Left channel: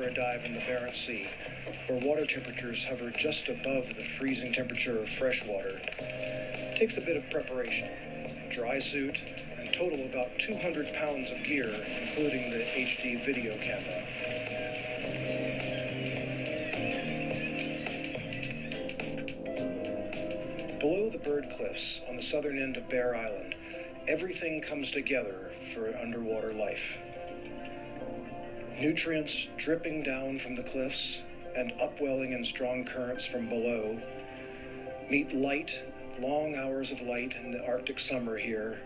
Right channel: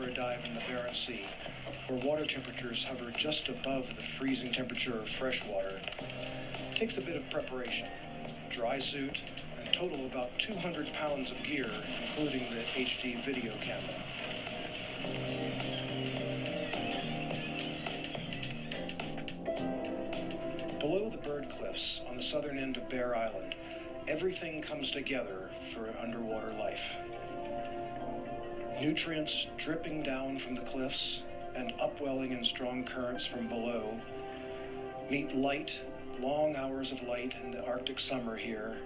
for a dive in the Barents Sea, where water temperatures hover just above the freezing temperature of fresh water. It takes a bit of preparation, dry suit, and total about 200 pounds of gear, including the HD video camera. Below the bird cliffs on the southern end of Bear Island, everything comes together for underwater life. Nutrients dripping down from the cliffs and upwelling in strong currents from below meet light, long hours of light in the Arctic summer here,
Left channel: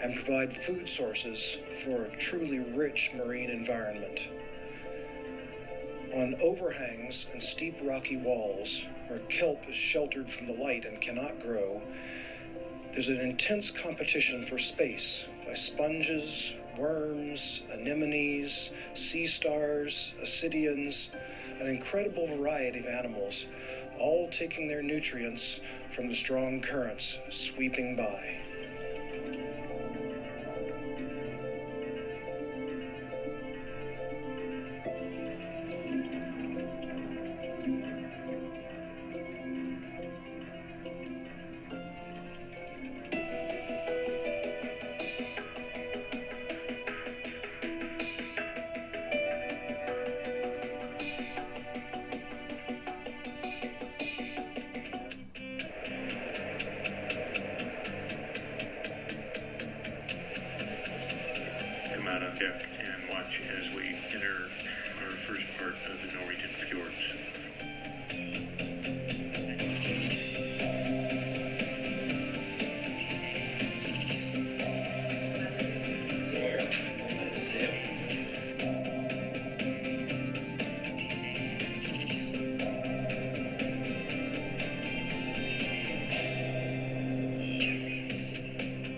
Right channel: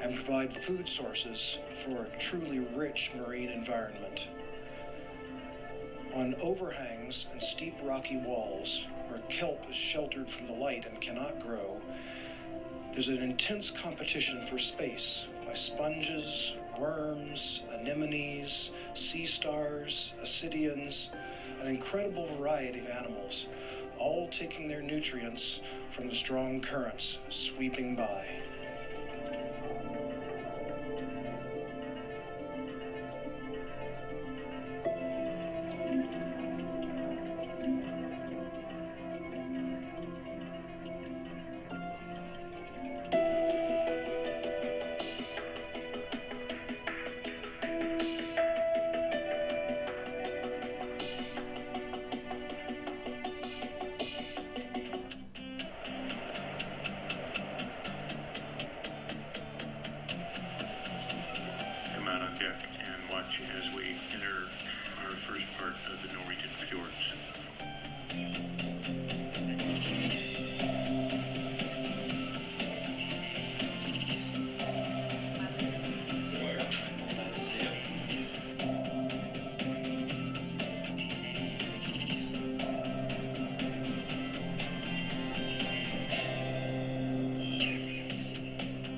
and provide food sources for a truly rich marine environment. On overhangs and steep rocky walls, where kelp is sheltered from the light and cannot grow, there's an intense competition for space by sponges, worms, anemones, sea stars, ascidians, an incredible variety of animals, all taking their nutrients from the strong currents sweeping by. Deck and watch as we enter our first part of the Norwegian fjords.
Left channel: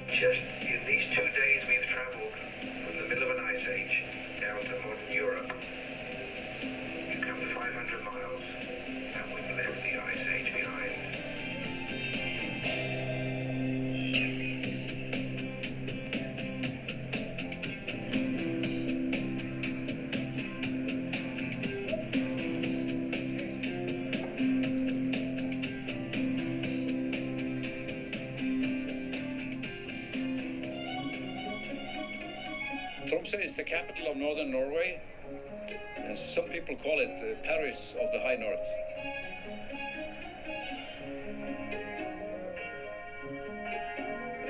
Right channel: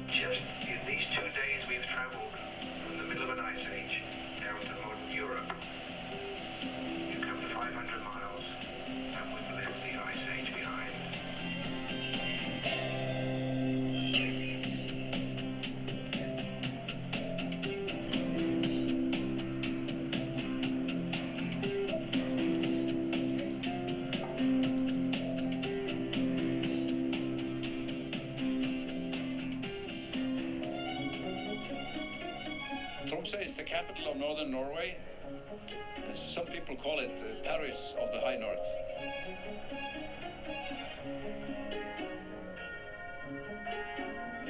Just in these 2 days we've traveled from the middle of an ice age down to modern Europe. We've come 500 miles and we've left the ice age behind. Tromso is the capital of northern Norway. Some people call it the Paris of the High North.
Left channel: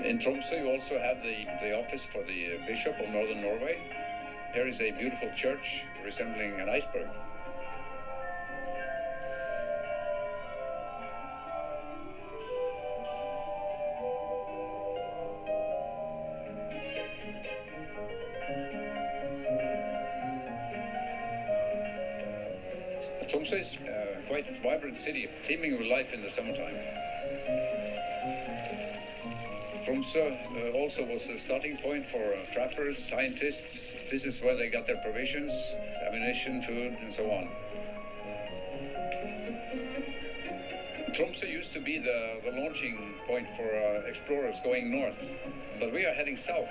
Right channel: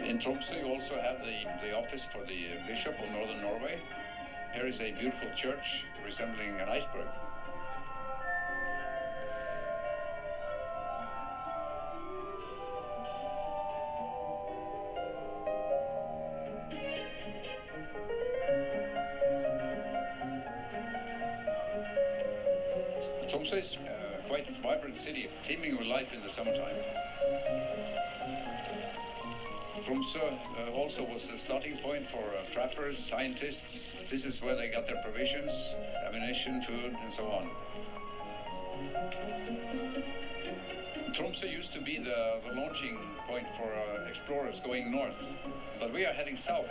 In Tromso you also have the office for the Bishop of northern Norway. Here is a beautiful church resembling an iceberg. Tromso is a quite vibrant city, teeming with life in the summertime. Tromso also was a starting point for trappers, scientists. This is where they got their provisions, ammunition, food, and so on. Tromso used to be the launching point for explorers going north, but we are heading south.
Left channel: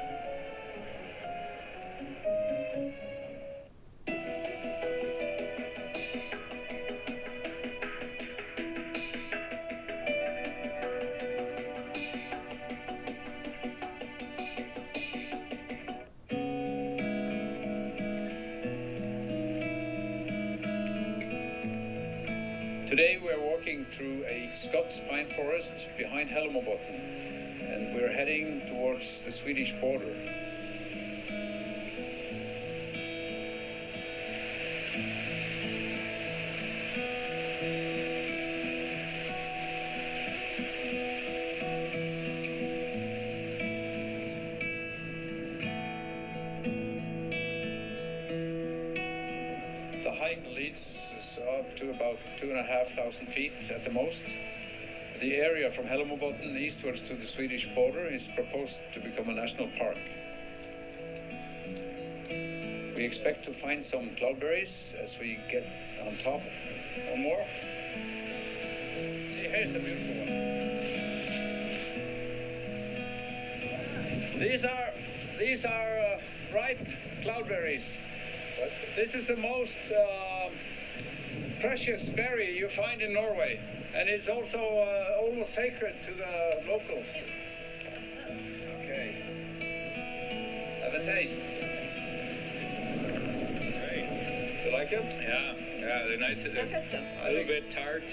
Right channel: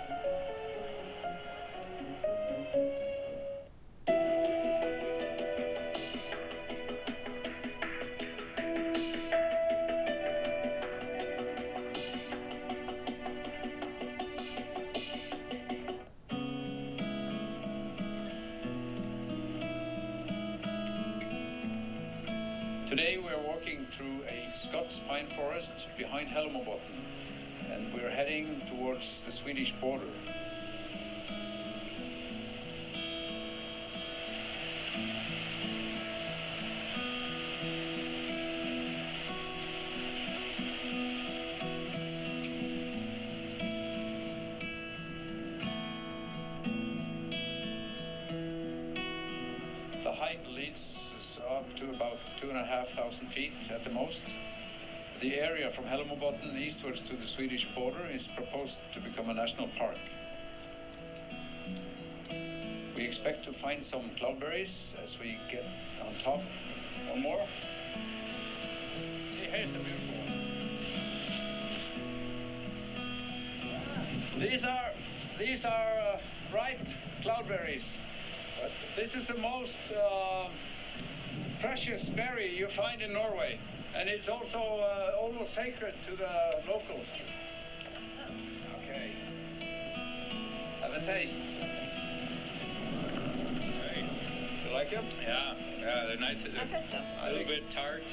Today we're walking through a Scots pine forest behind Hellemobotten, and we're heading towards the Swedish border. The hike leads us up to about 2,500 feet at the most. The area from Hellemobotten eastwards to the Swedish border is proposed to become a national park. We expect to find some cloudberries as we get on top or more. See, here's the beautiful one. These are ripe cloudberries. But this is the most precious berry you find in Norway, and it's also almost sacred to the locals. Okay. Have a taste. Great. You like it? Yeah, they're nice. I've had some. A little bit tart,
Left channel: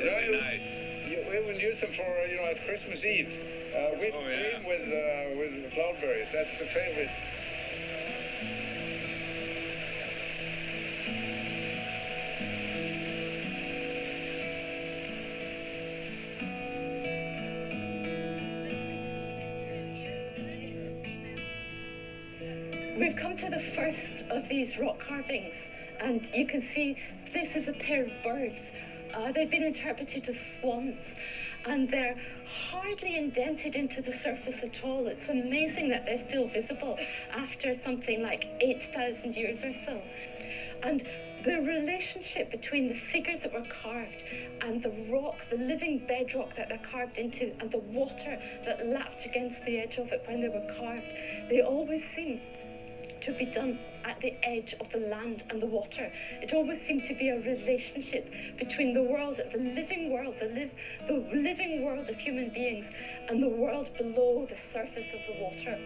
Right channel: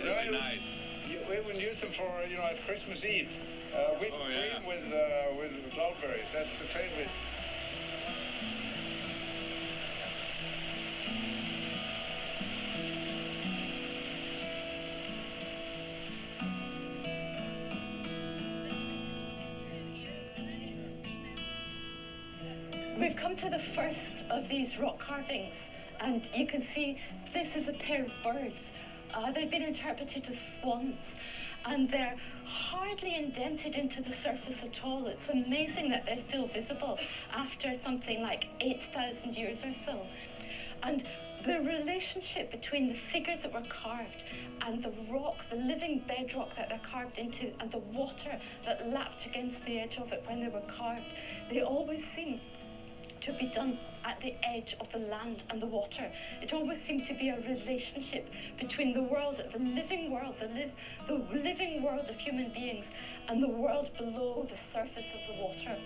really nice. We will use them for, at Christmas Eve. Whipped Oh, yeah. cream with cloudberries. That's the favorite. We've come to the first of these rock carvings, and you can see this is a pair of birds. They've been interpreted as swans, and they're hardly indented into the surface at all. It's amazing that they're still visible after something like 8,000 years or so. And the relationship between the figures that were carved and the rock, the living bedrock that they're carved into, and the water that lapped against the edge of it when they were carved, they always seem to be done at the edge of the land and the water. It always seemed to be a relationship between the world, the living world, the living world of human beings, and the world below the surface of the water.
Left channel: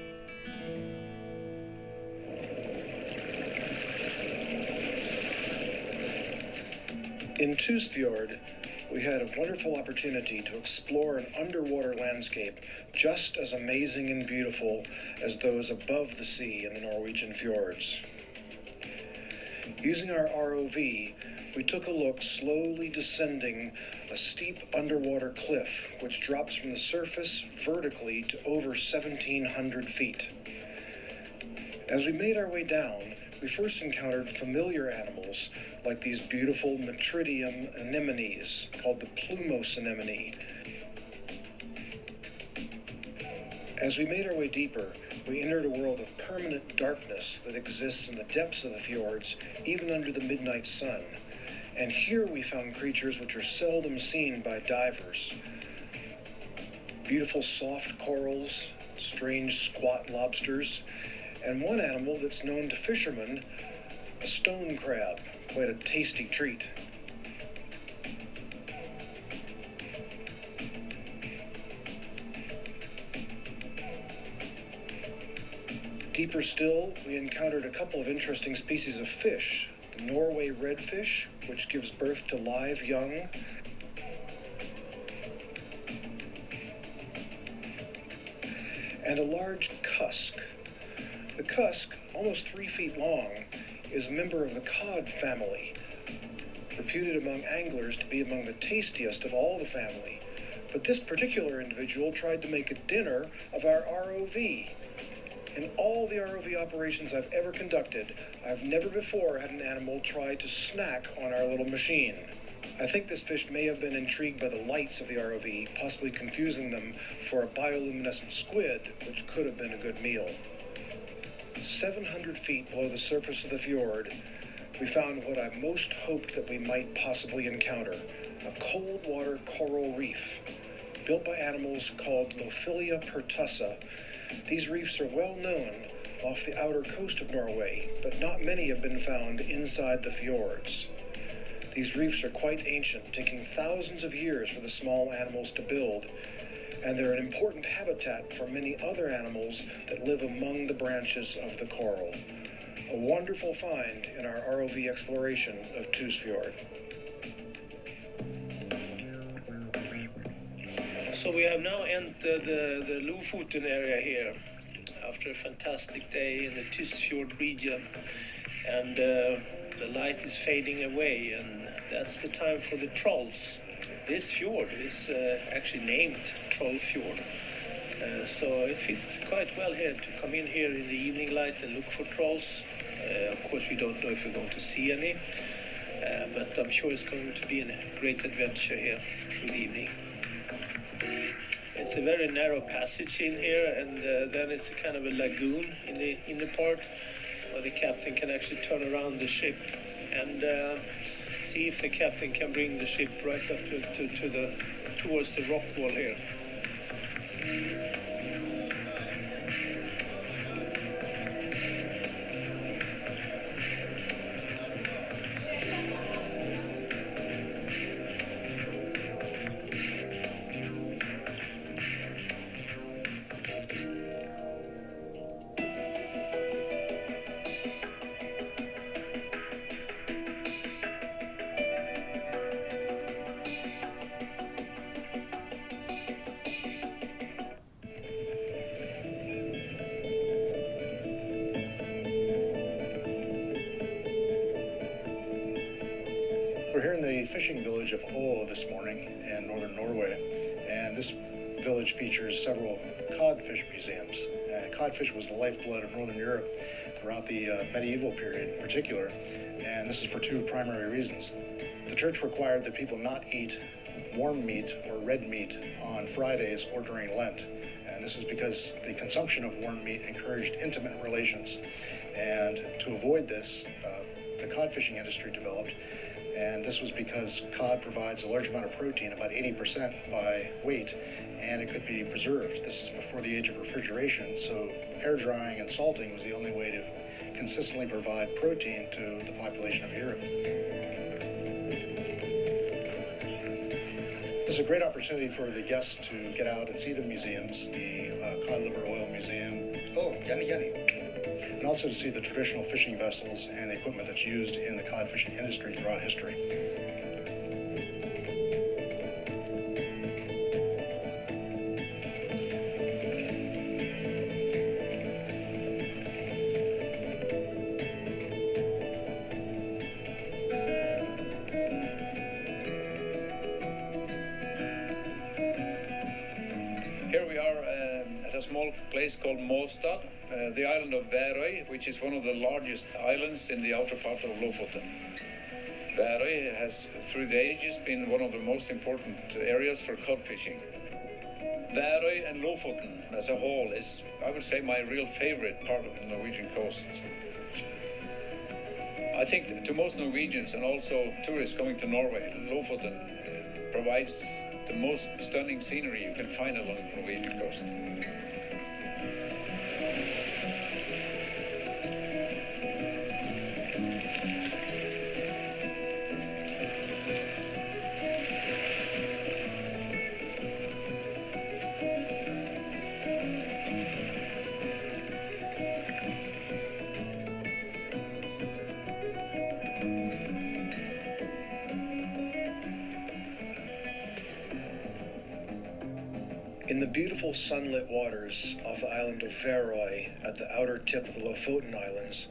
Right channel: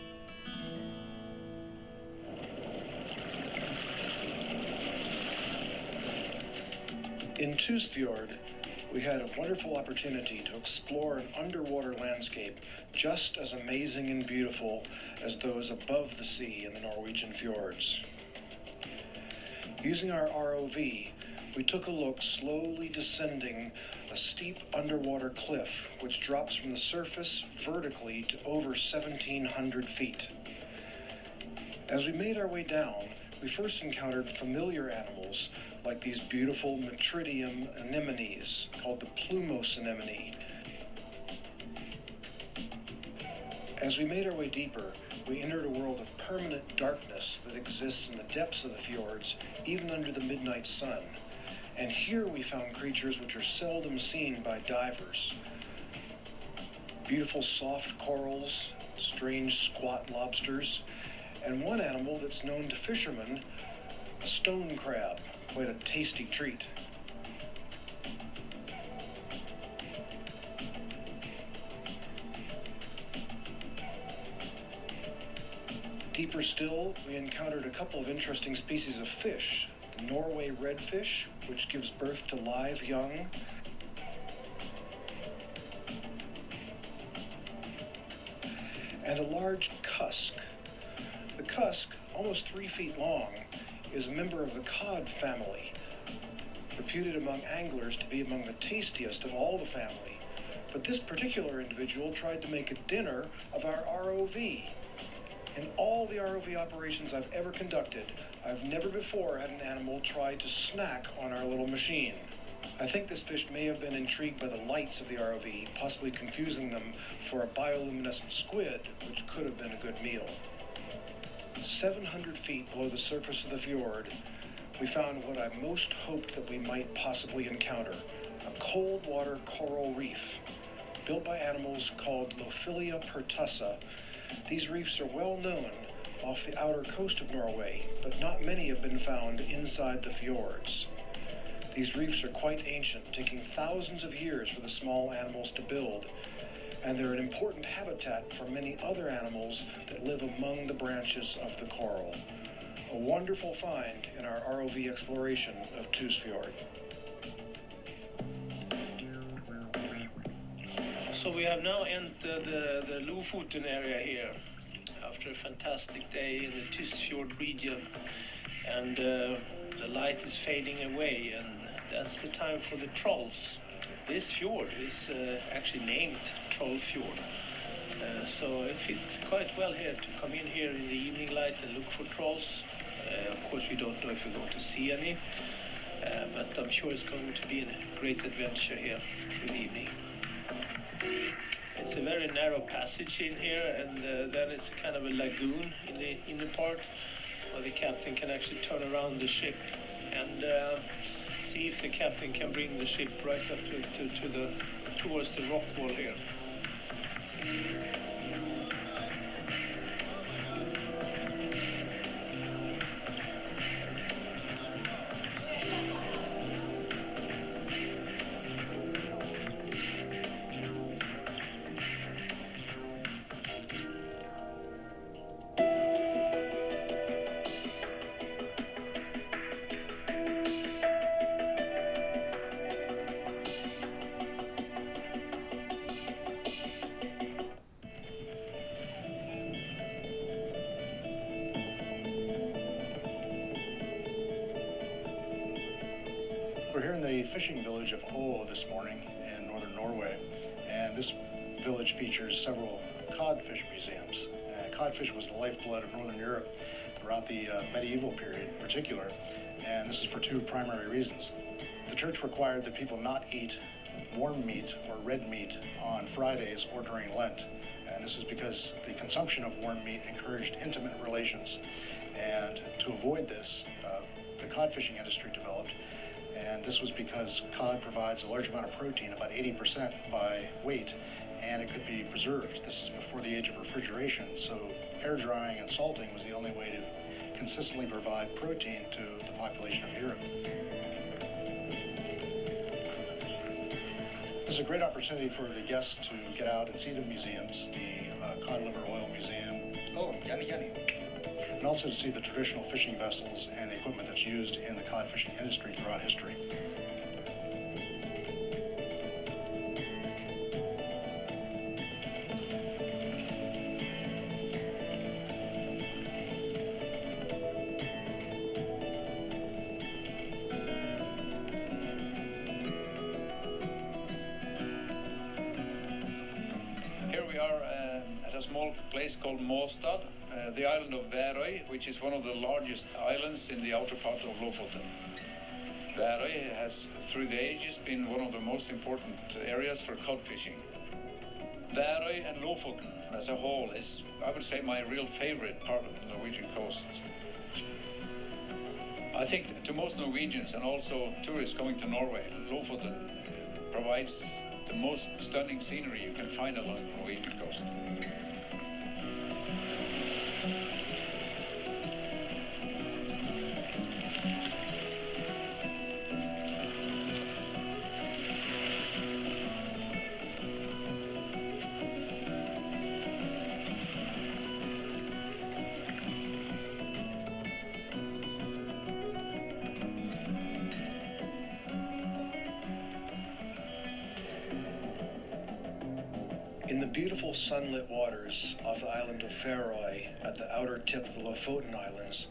In Tysfjord, we had a wonderful opportunity to explore an underwater landscape just as amazing and beautiful as those above the sea in the Norwegian fjords. Using our ROV, we took a look slowly descending a steep underwater cliff which drops from the surface vertically to over 1,700 feet. As we made our way down, we first encountered familiar animals like these beautiful Metridium anemones called the plumose anemone. As we made our way deeper, we entered a world of permanent darkness that exists in the depths of the fjords, even under the midnight sun. And here we found creatures which are seldom seen by divers. Beautiful soft corals, strange squat lobsters, and one animal that's known to fishermen, a stone crab, quite a tasty treat. Deeper still, we encountered a couple of interesting species of fish. The Norway redfish, which gives birth to live young, and a large cusk. The cusk, almost 3 feet long, is a member of the cod family, reputed among anglers to be among the tastiest of all the family. But this particular individual tried to make a dinner of our ROV. In all the ROV operations I've ever conducted, I've never before had an animal try to snack on our little machine. I think this fish may have been intrigued by the lights of the ROV, possibly confusing them for a bioluminescent squid, which could have been a good meal. 700 feet below the surface of the fjord, we found what I most hoped that we might possibly encounter, a cold water coral reef, built by animals called Lophilia pertussa. These reefs are well known off the outer coast of Norway, but not many have been found inside the fjords. These reefs are quite ancient, taking thousands of years for the small animals to build, and they're an important habitat for many other animals that live among the branches of the coral. A wonderful find in our ROV exploration of Tysfjord. So we have now entered the Lofoten area here after a fantastic day in the Tysfjord region, and the light is fading away, and that's the time for the trolls. This fjord is actually named Troll Fjord, so it fits quite well here to come in here in the evening light and look for trolls. Of course, we don't know if we're going to see any, but I'm sure it's going to be a great adventure here through the evening. It's a very narrow passage in here, and then it's a kind of a lagoon in the inner part where the captain can actually turn around the ship and see if the captain can bring the ship right up towards the rock wall here. We're here in the fishing village of Ål this morning in northern Norway, and this village features several codfish museums. Codfish was the lifeblood of northern Europe throughout the medieval period in particular, and this is for two primary reasons. The church required that people not eat warm meat or red meat on Fridays or during Lent, and this is because the consumption of warm meat encouraged intimate relations. And to avoid this, the cod fishing industry developed, and this was because cod provides a large amount of protein, about 80% by weight, and it could be preserved. This is before the age of refrigeration, so air drying and salting was the only way to consistently provide protein to the population of Europe. This is a great opportunity for the guests to get out and see the museums, the cod liver oil museum. Oh, yummy, yummy. And also to see the traditional fishing vessels and the equipment that's used in the cod fishing industry throughout history. Here we are at a small place called Måstad, the island of Værøy, which is one of the largest islands in the outer part of Lofoten. Værøy has, through the ages, been one of the most important areas for cod fishing. Værøy and Lofoten as a whole is, I would say, my real favorite part of the Norwegian coast. I think to most Norwegians and also tourists coming to Norway, Lofoten provides the most stunning scenery you can find along the Norwegian coast. In the beautiful sunlit waters off the island of Værøy at the outer tip of the Lofoten Islands,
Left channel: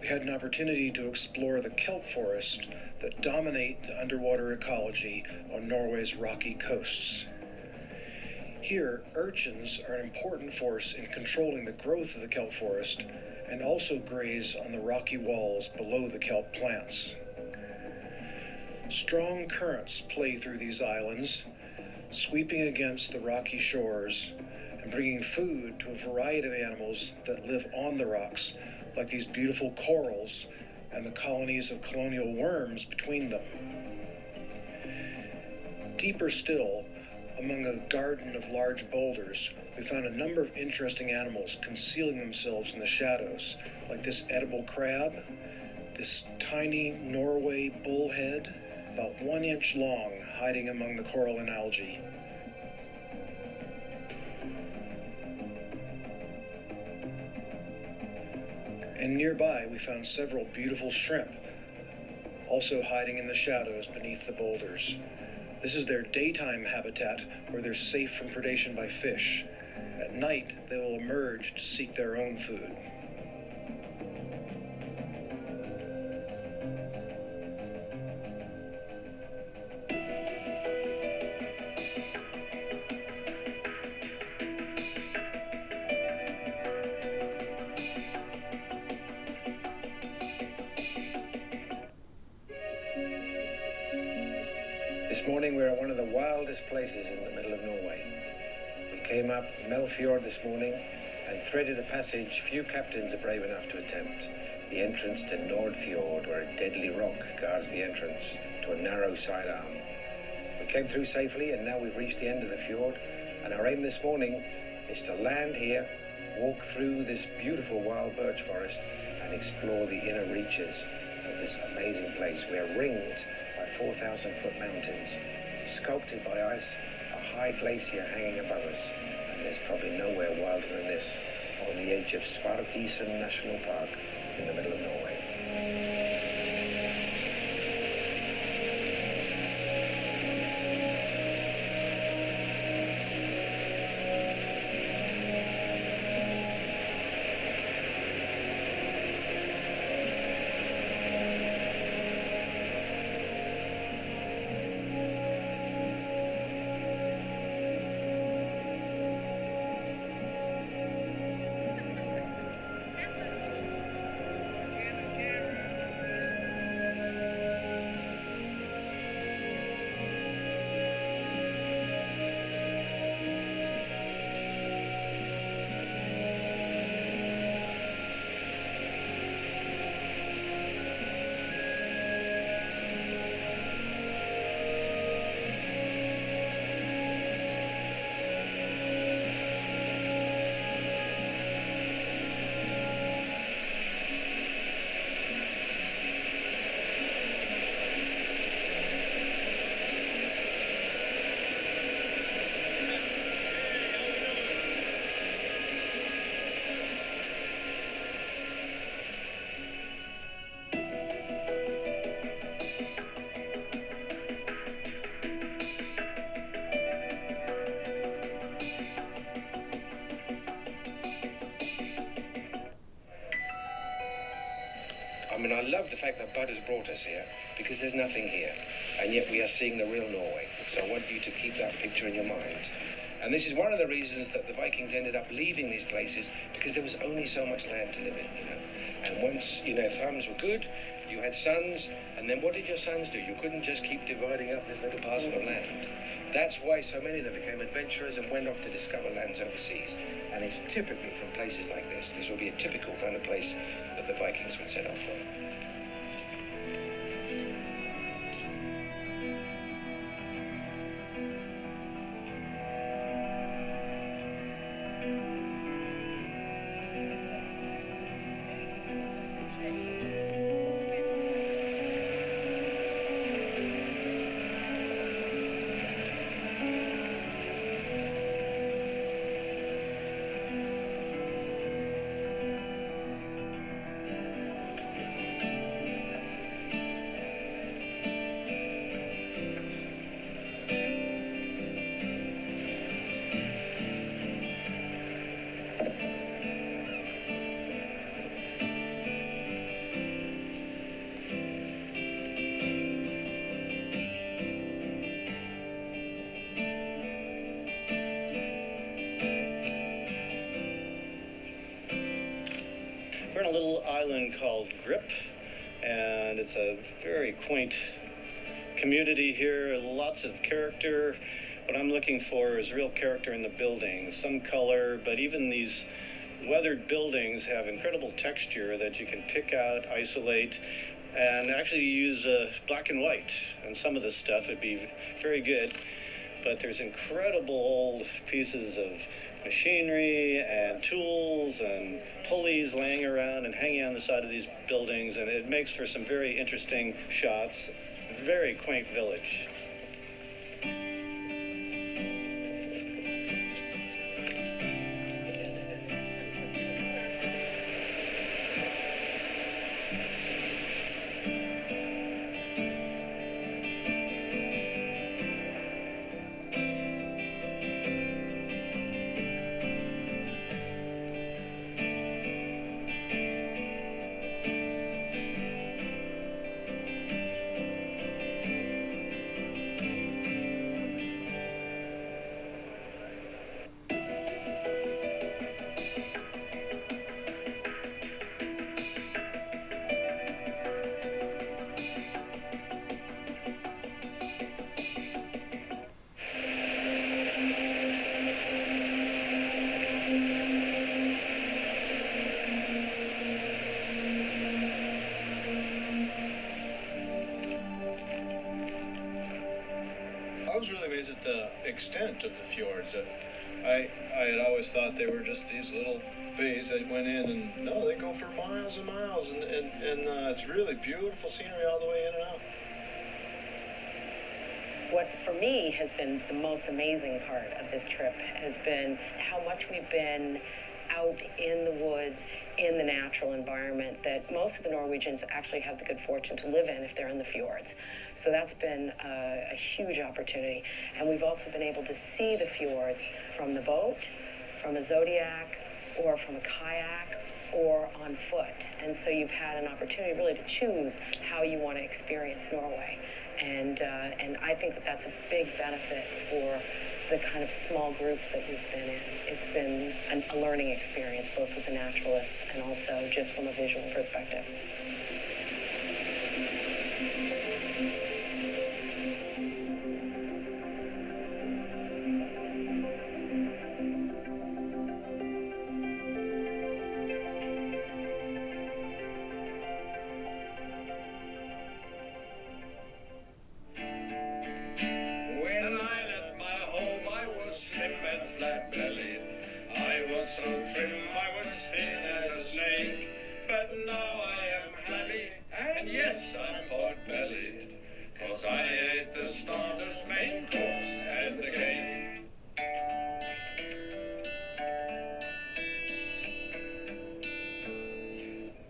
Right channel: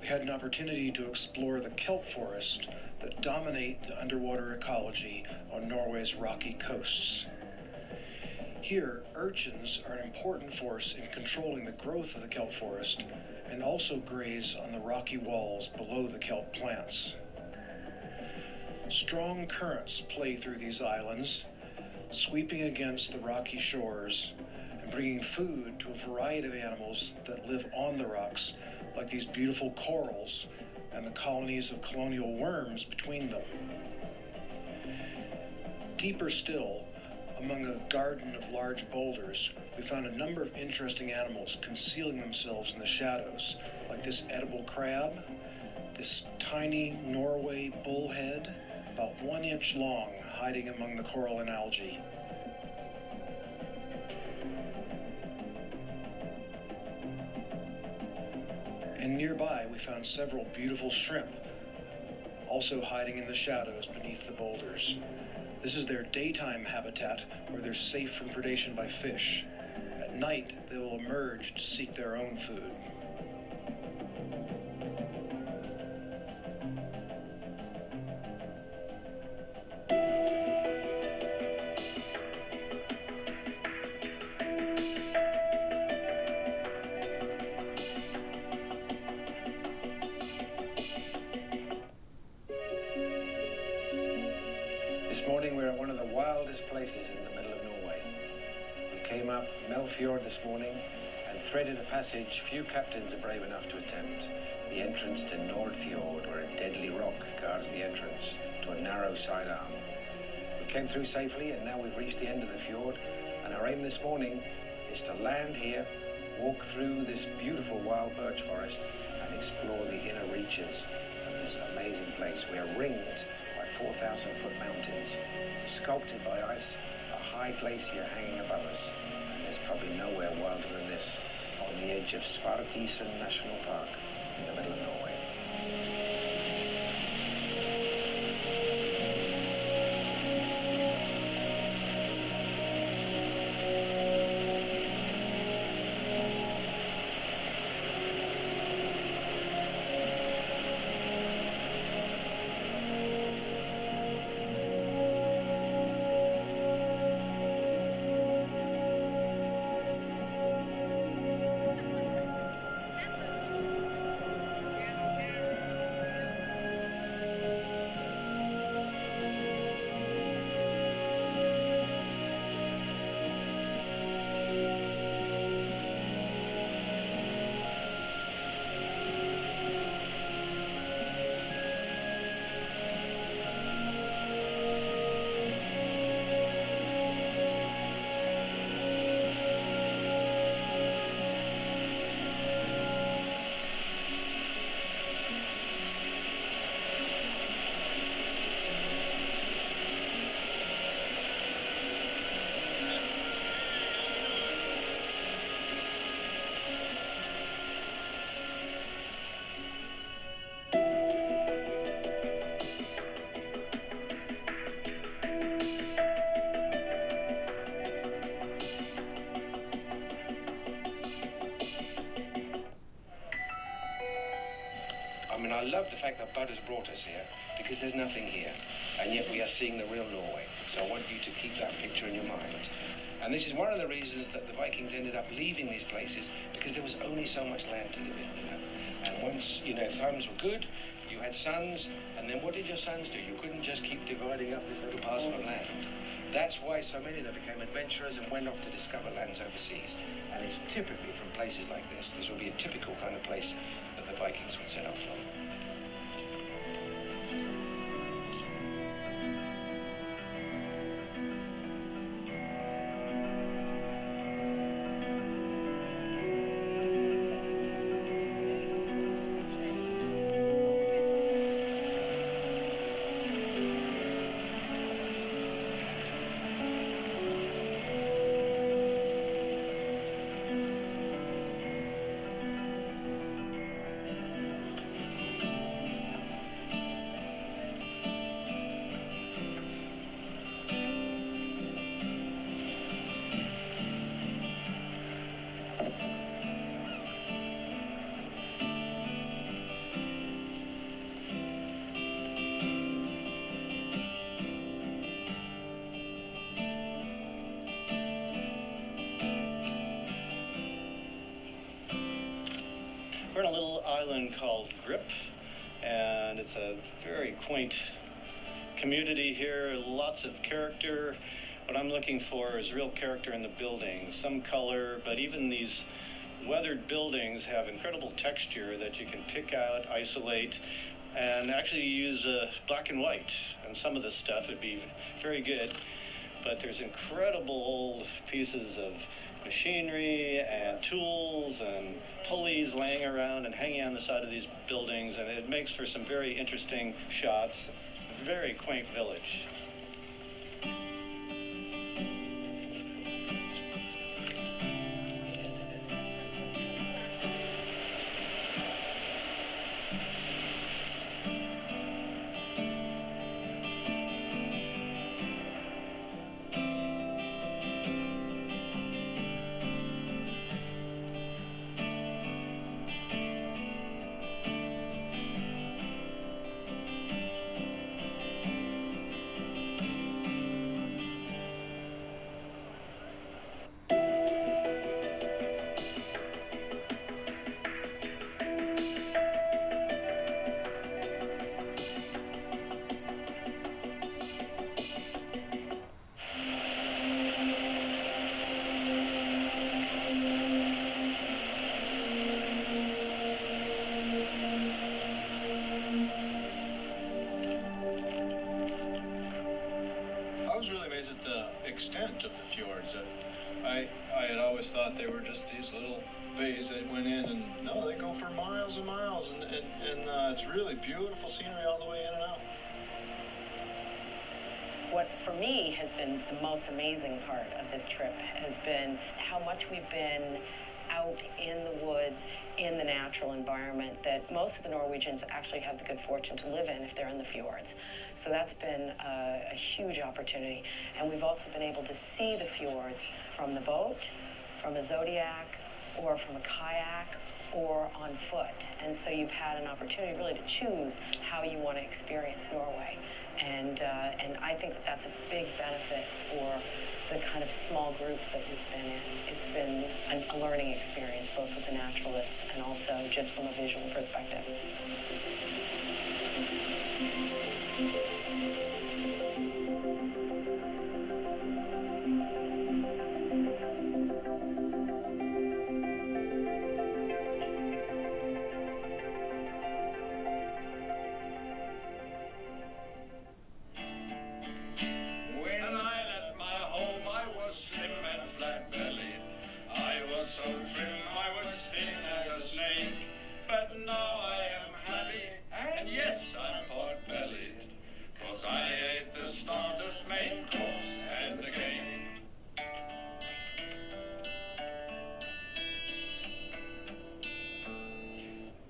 we had an opportunity to explore the kelp forest that dominate the underwater ecology on Norway's rocky coasts. Here, urchins are an important force in controlling the growth of the kelp forest and also graze on the rocky walls below the kelp plants. Strong currents play through these islands, sweeping against the rocky shores and bringing food to a variety of animals that live on the rocks, like these beautiful corals and the colonies of colonial worms between them. Deeper still, among a garden of large boulders, we found a number of interesting animals concealing themselves in the shadows, like this edible crab, this tiny Norway bullhead, about 1 inch long, hiding among the coral and algae. And nearby, we found several beautiful shrimp, also hiding in the shadows beneath the boulders. This is their daytime habitat, where they're safe from predation by fish. At night, they will emerge to seek their own food. This morning we're at one of the wildest places in the middle of Norway. We came up Melfjord this morning and threaded a passage few captains are brave enough to attempt. The entrance to Nordfjord, where a deadly rock guards the entrance to a narrow side arm. We came through safely and now we've reached the end of the fjord, and our aim this morning is to land here, walk through this beautiful wild birch forest and explore the inner reaches of this amazing place. We are ringed by 4,000-foot mountains, sculpted by ice, a high glacier hanging above us, and there's probably nowhere wilder than this, on the edge of Svartisen National Park in the middle of Norway. I mean, I love the fact that Bud has brought us here because there's nothing here, and yet we are seeing the real Norway. So I want you to keep that picture in your mind. And this is one of the reasons that the Vikings ended up leaving these places, because there was only so much land to live in, you know. And once, you know, thumbs were good, you had sons, and then what did your sons do? You couldn't just keep dividing up this little parcel of land. That's why so many of them became adventurers and went off to discover lands overseas. And it's typically from places like this. This will be a typical kind of place that the Vikings would set off from. We're on a little island called Grip, and it's a very quaint community here, lots of character. What I'm looking for is real character in the buildings, some color, but even these weathered buildings have incredible texture that you can pick out, isolate, and actually use black and white. And some of this stuff would be very good, but there's incredible old pieces of machinery and tools and pulleys laying around and hanging on the side of these buildings, and it makes for some very interesting shots. Very quaint village. I was really amazed at the extent of the fjords. I had always thought they were just these little bays that went in, and no, they go for miles and miles, and it's really beautiful scenery all the way in and out. What for me has been the most amazing part of this trip has been how much we've been out in the woods, in the natural environment that most of the Norwegians actually have the good fortune to live in if they're in the fjords. So that's been a huge opportunity. And we've also been able to see the fjords from the boat, from a Zodiac, or from a kayak, or on foot. And so you've had an opportunity really to choose how you want to experience Norway. And I think that that's a big benefit for the kind of small groups that we've been in. It's been a learning experience, both with the naturalists and also just from a visual perspective. So trim I was thin as a snake, but now I am happy, and yes, I'm pot-bellied, 'cause I ate the starters, main course, and the cake.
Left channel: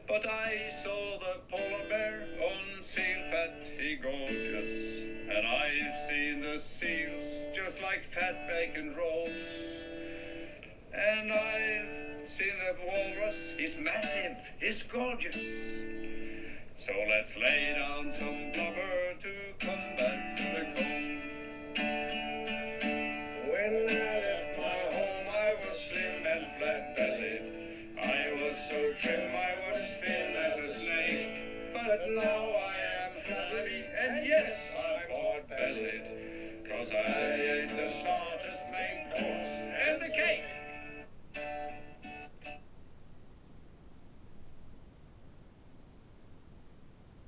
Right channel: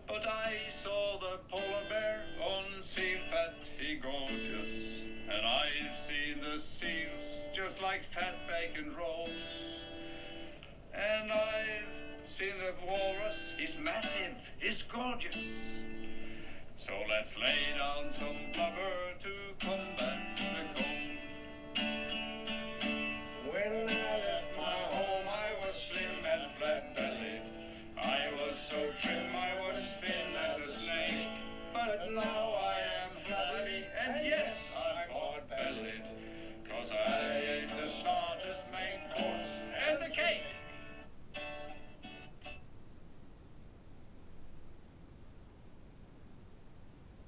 But I saw the polar bear on seal fat, he gorgeous, and I've seen the seals just like fat bacon rolls. And I've seen the walrus, he's massive, he's gorgeous. So let's lay down some blubber to combat the cold. When I left my home, I was slim and flat-bellied. I was so trim, I was thin as a snake. But now I am flabby, and yes, I'm hard-bellied. 'Cause I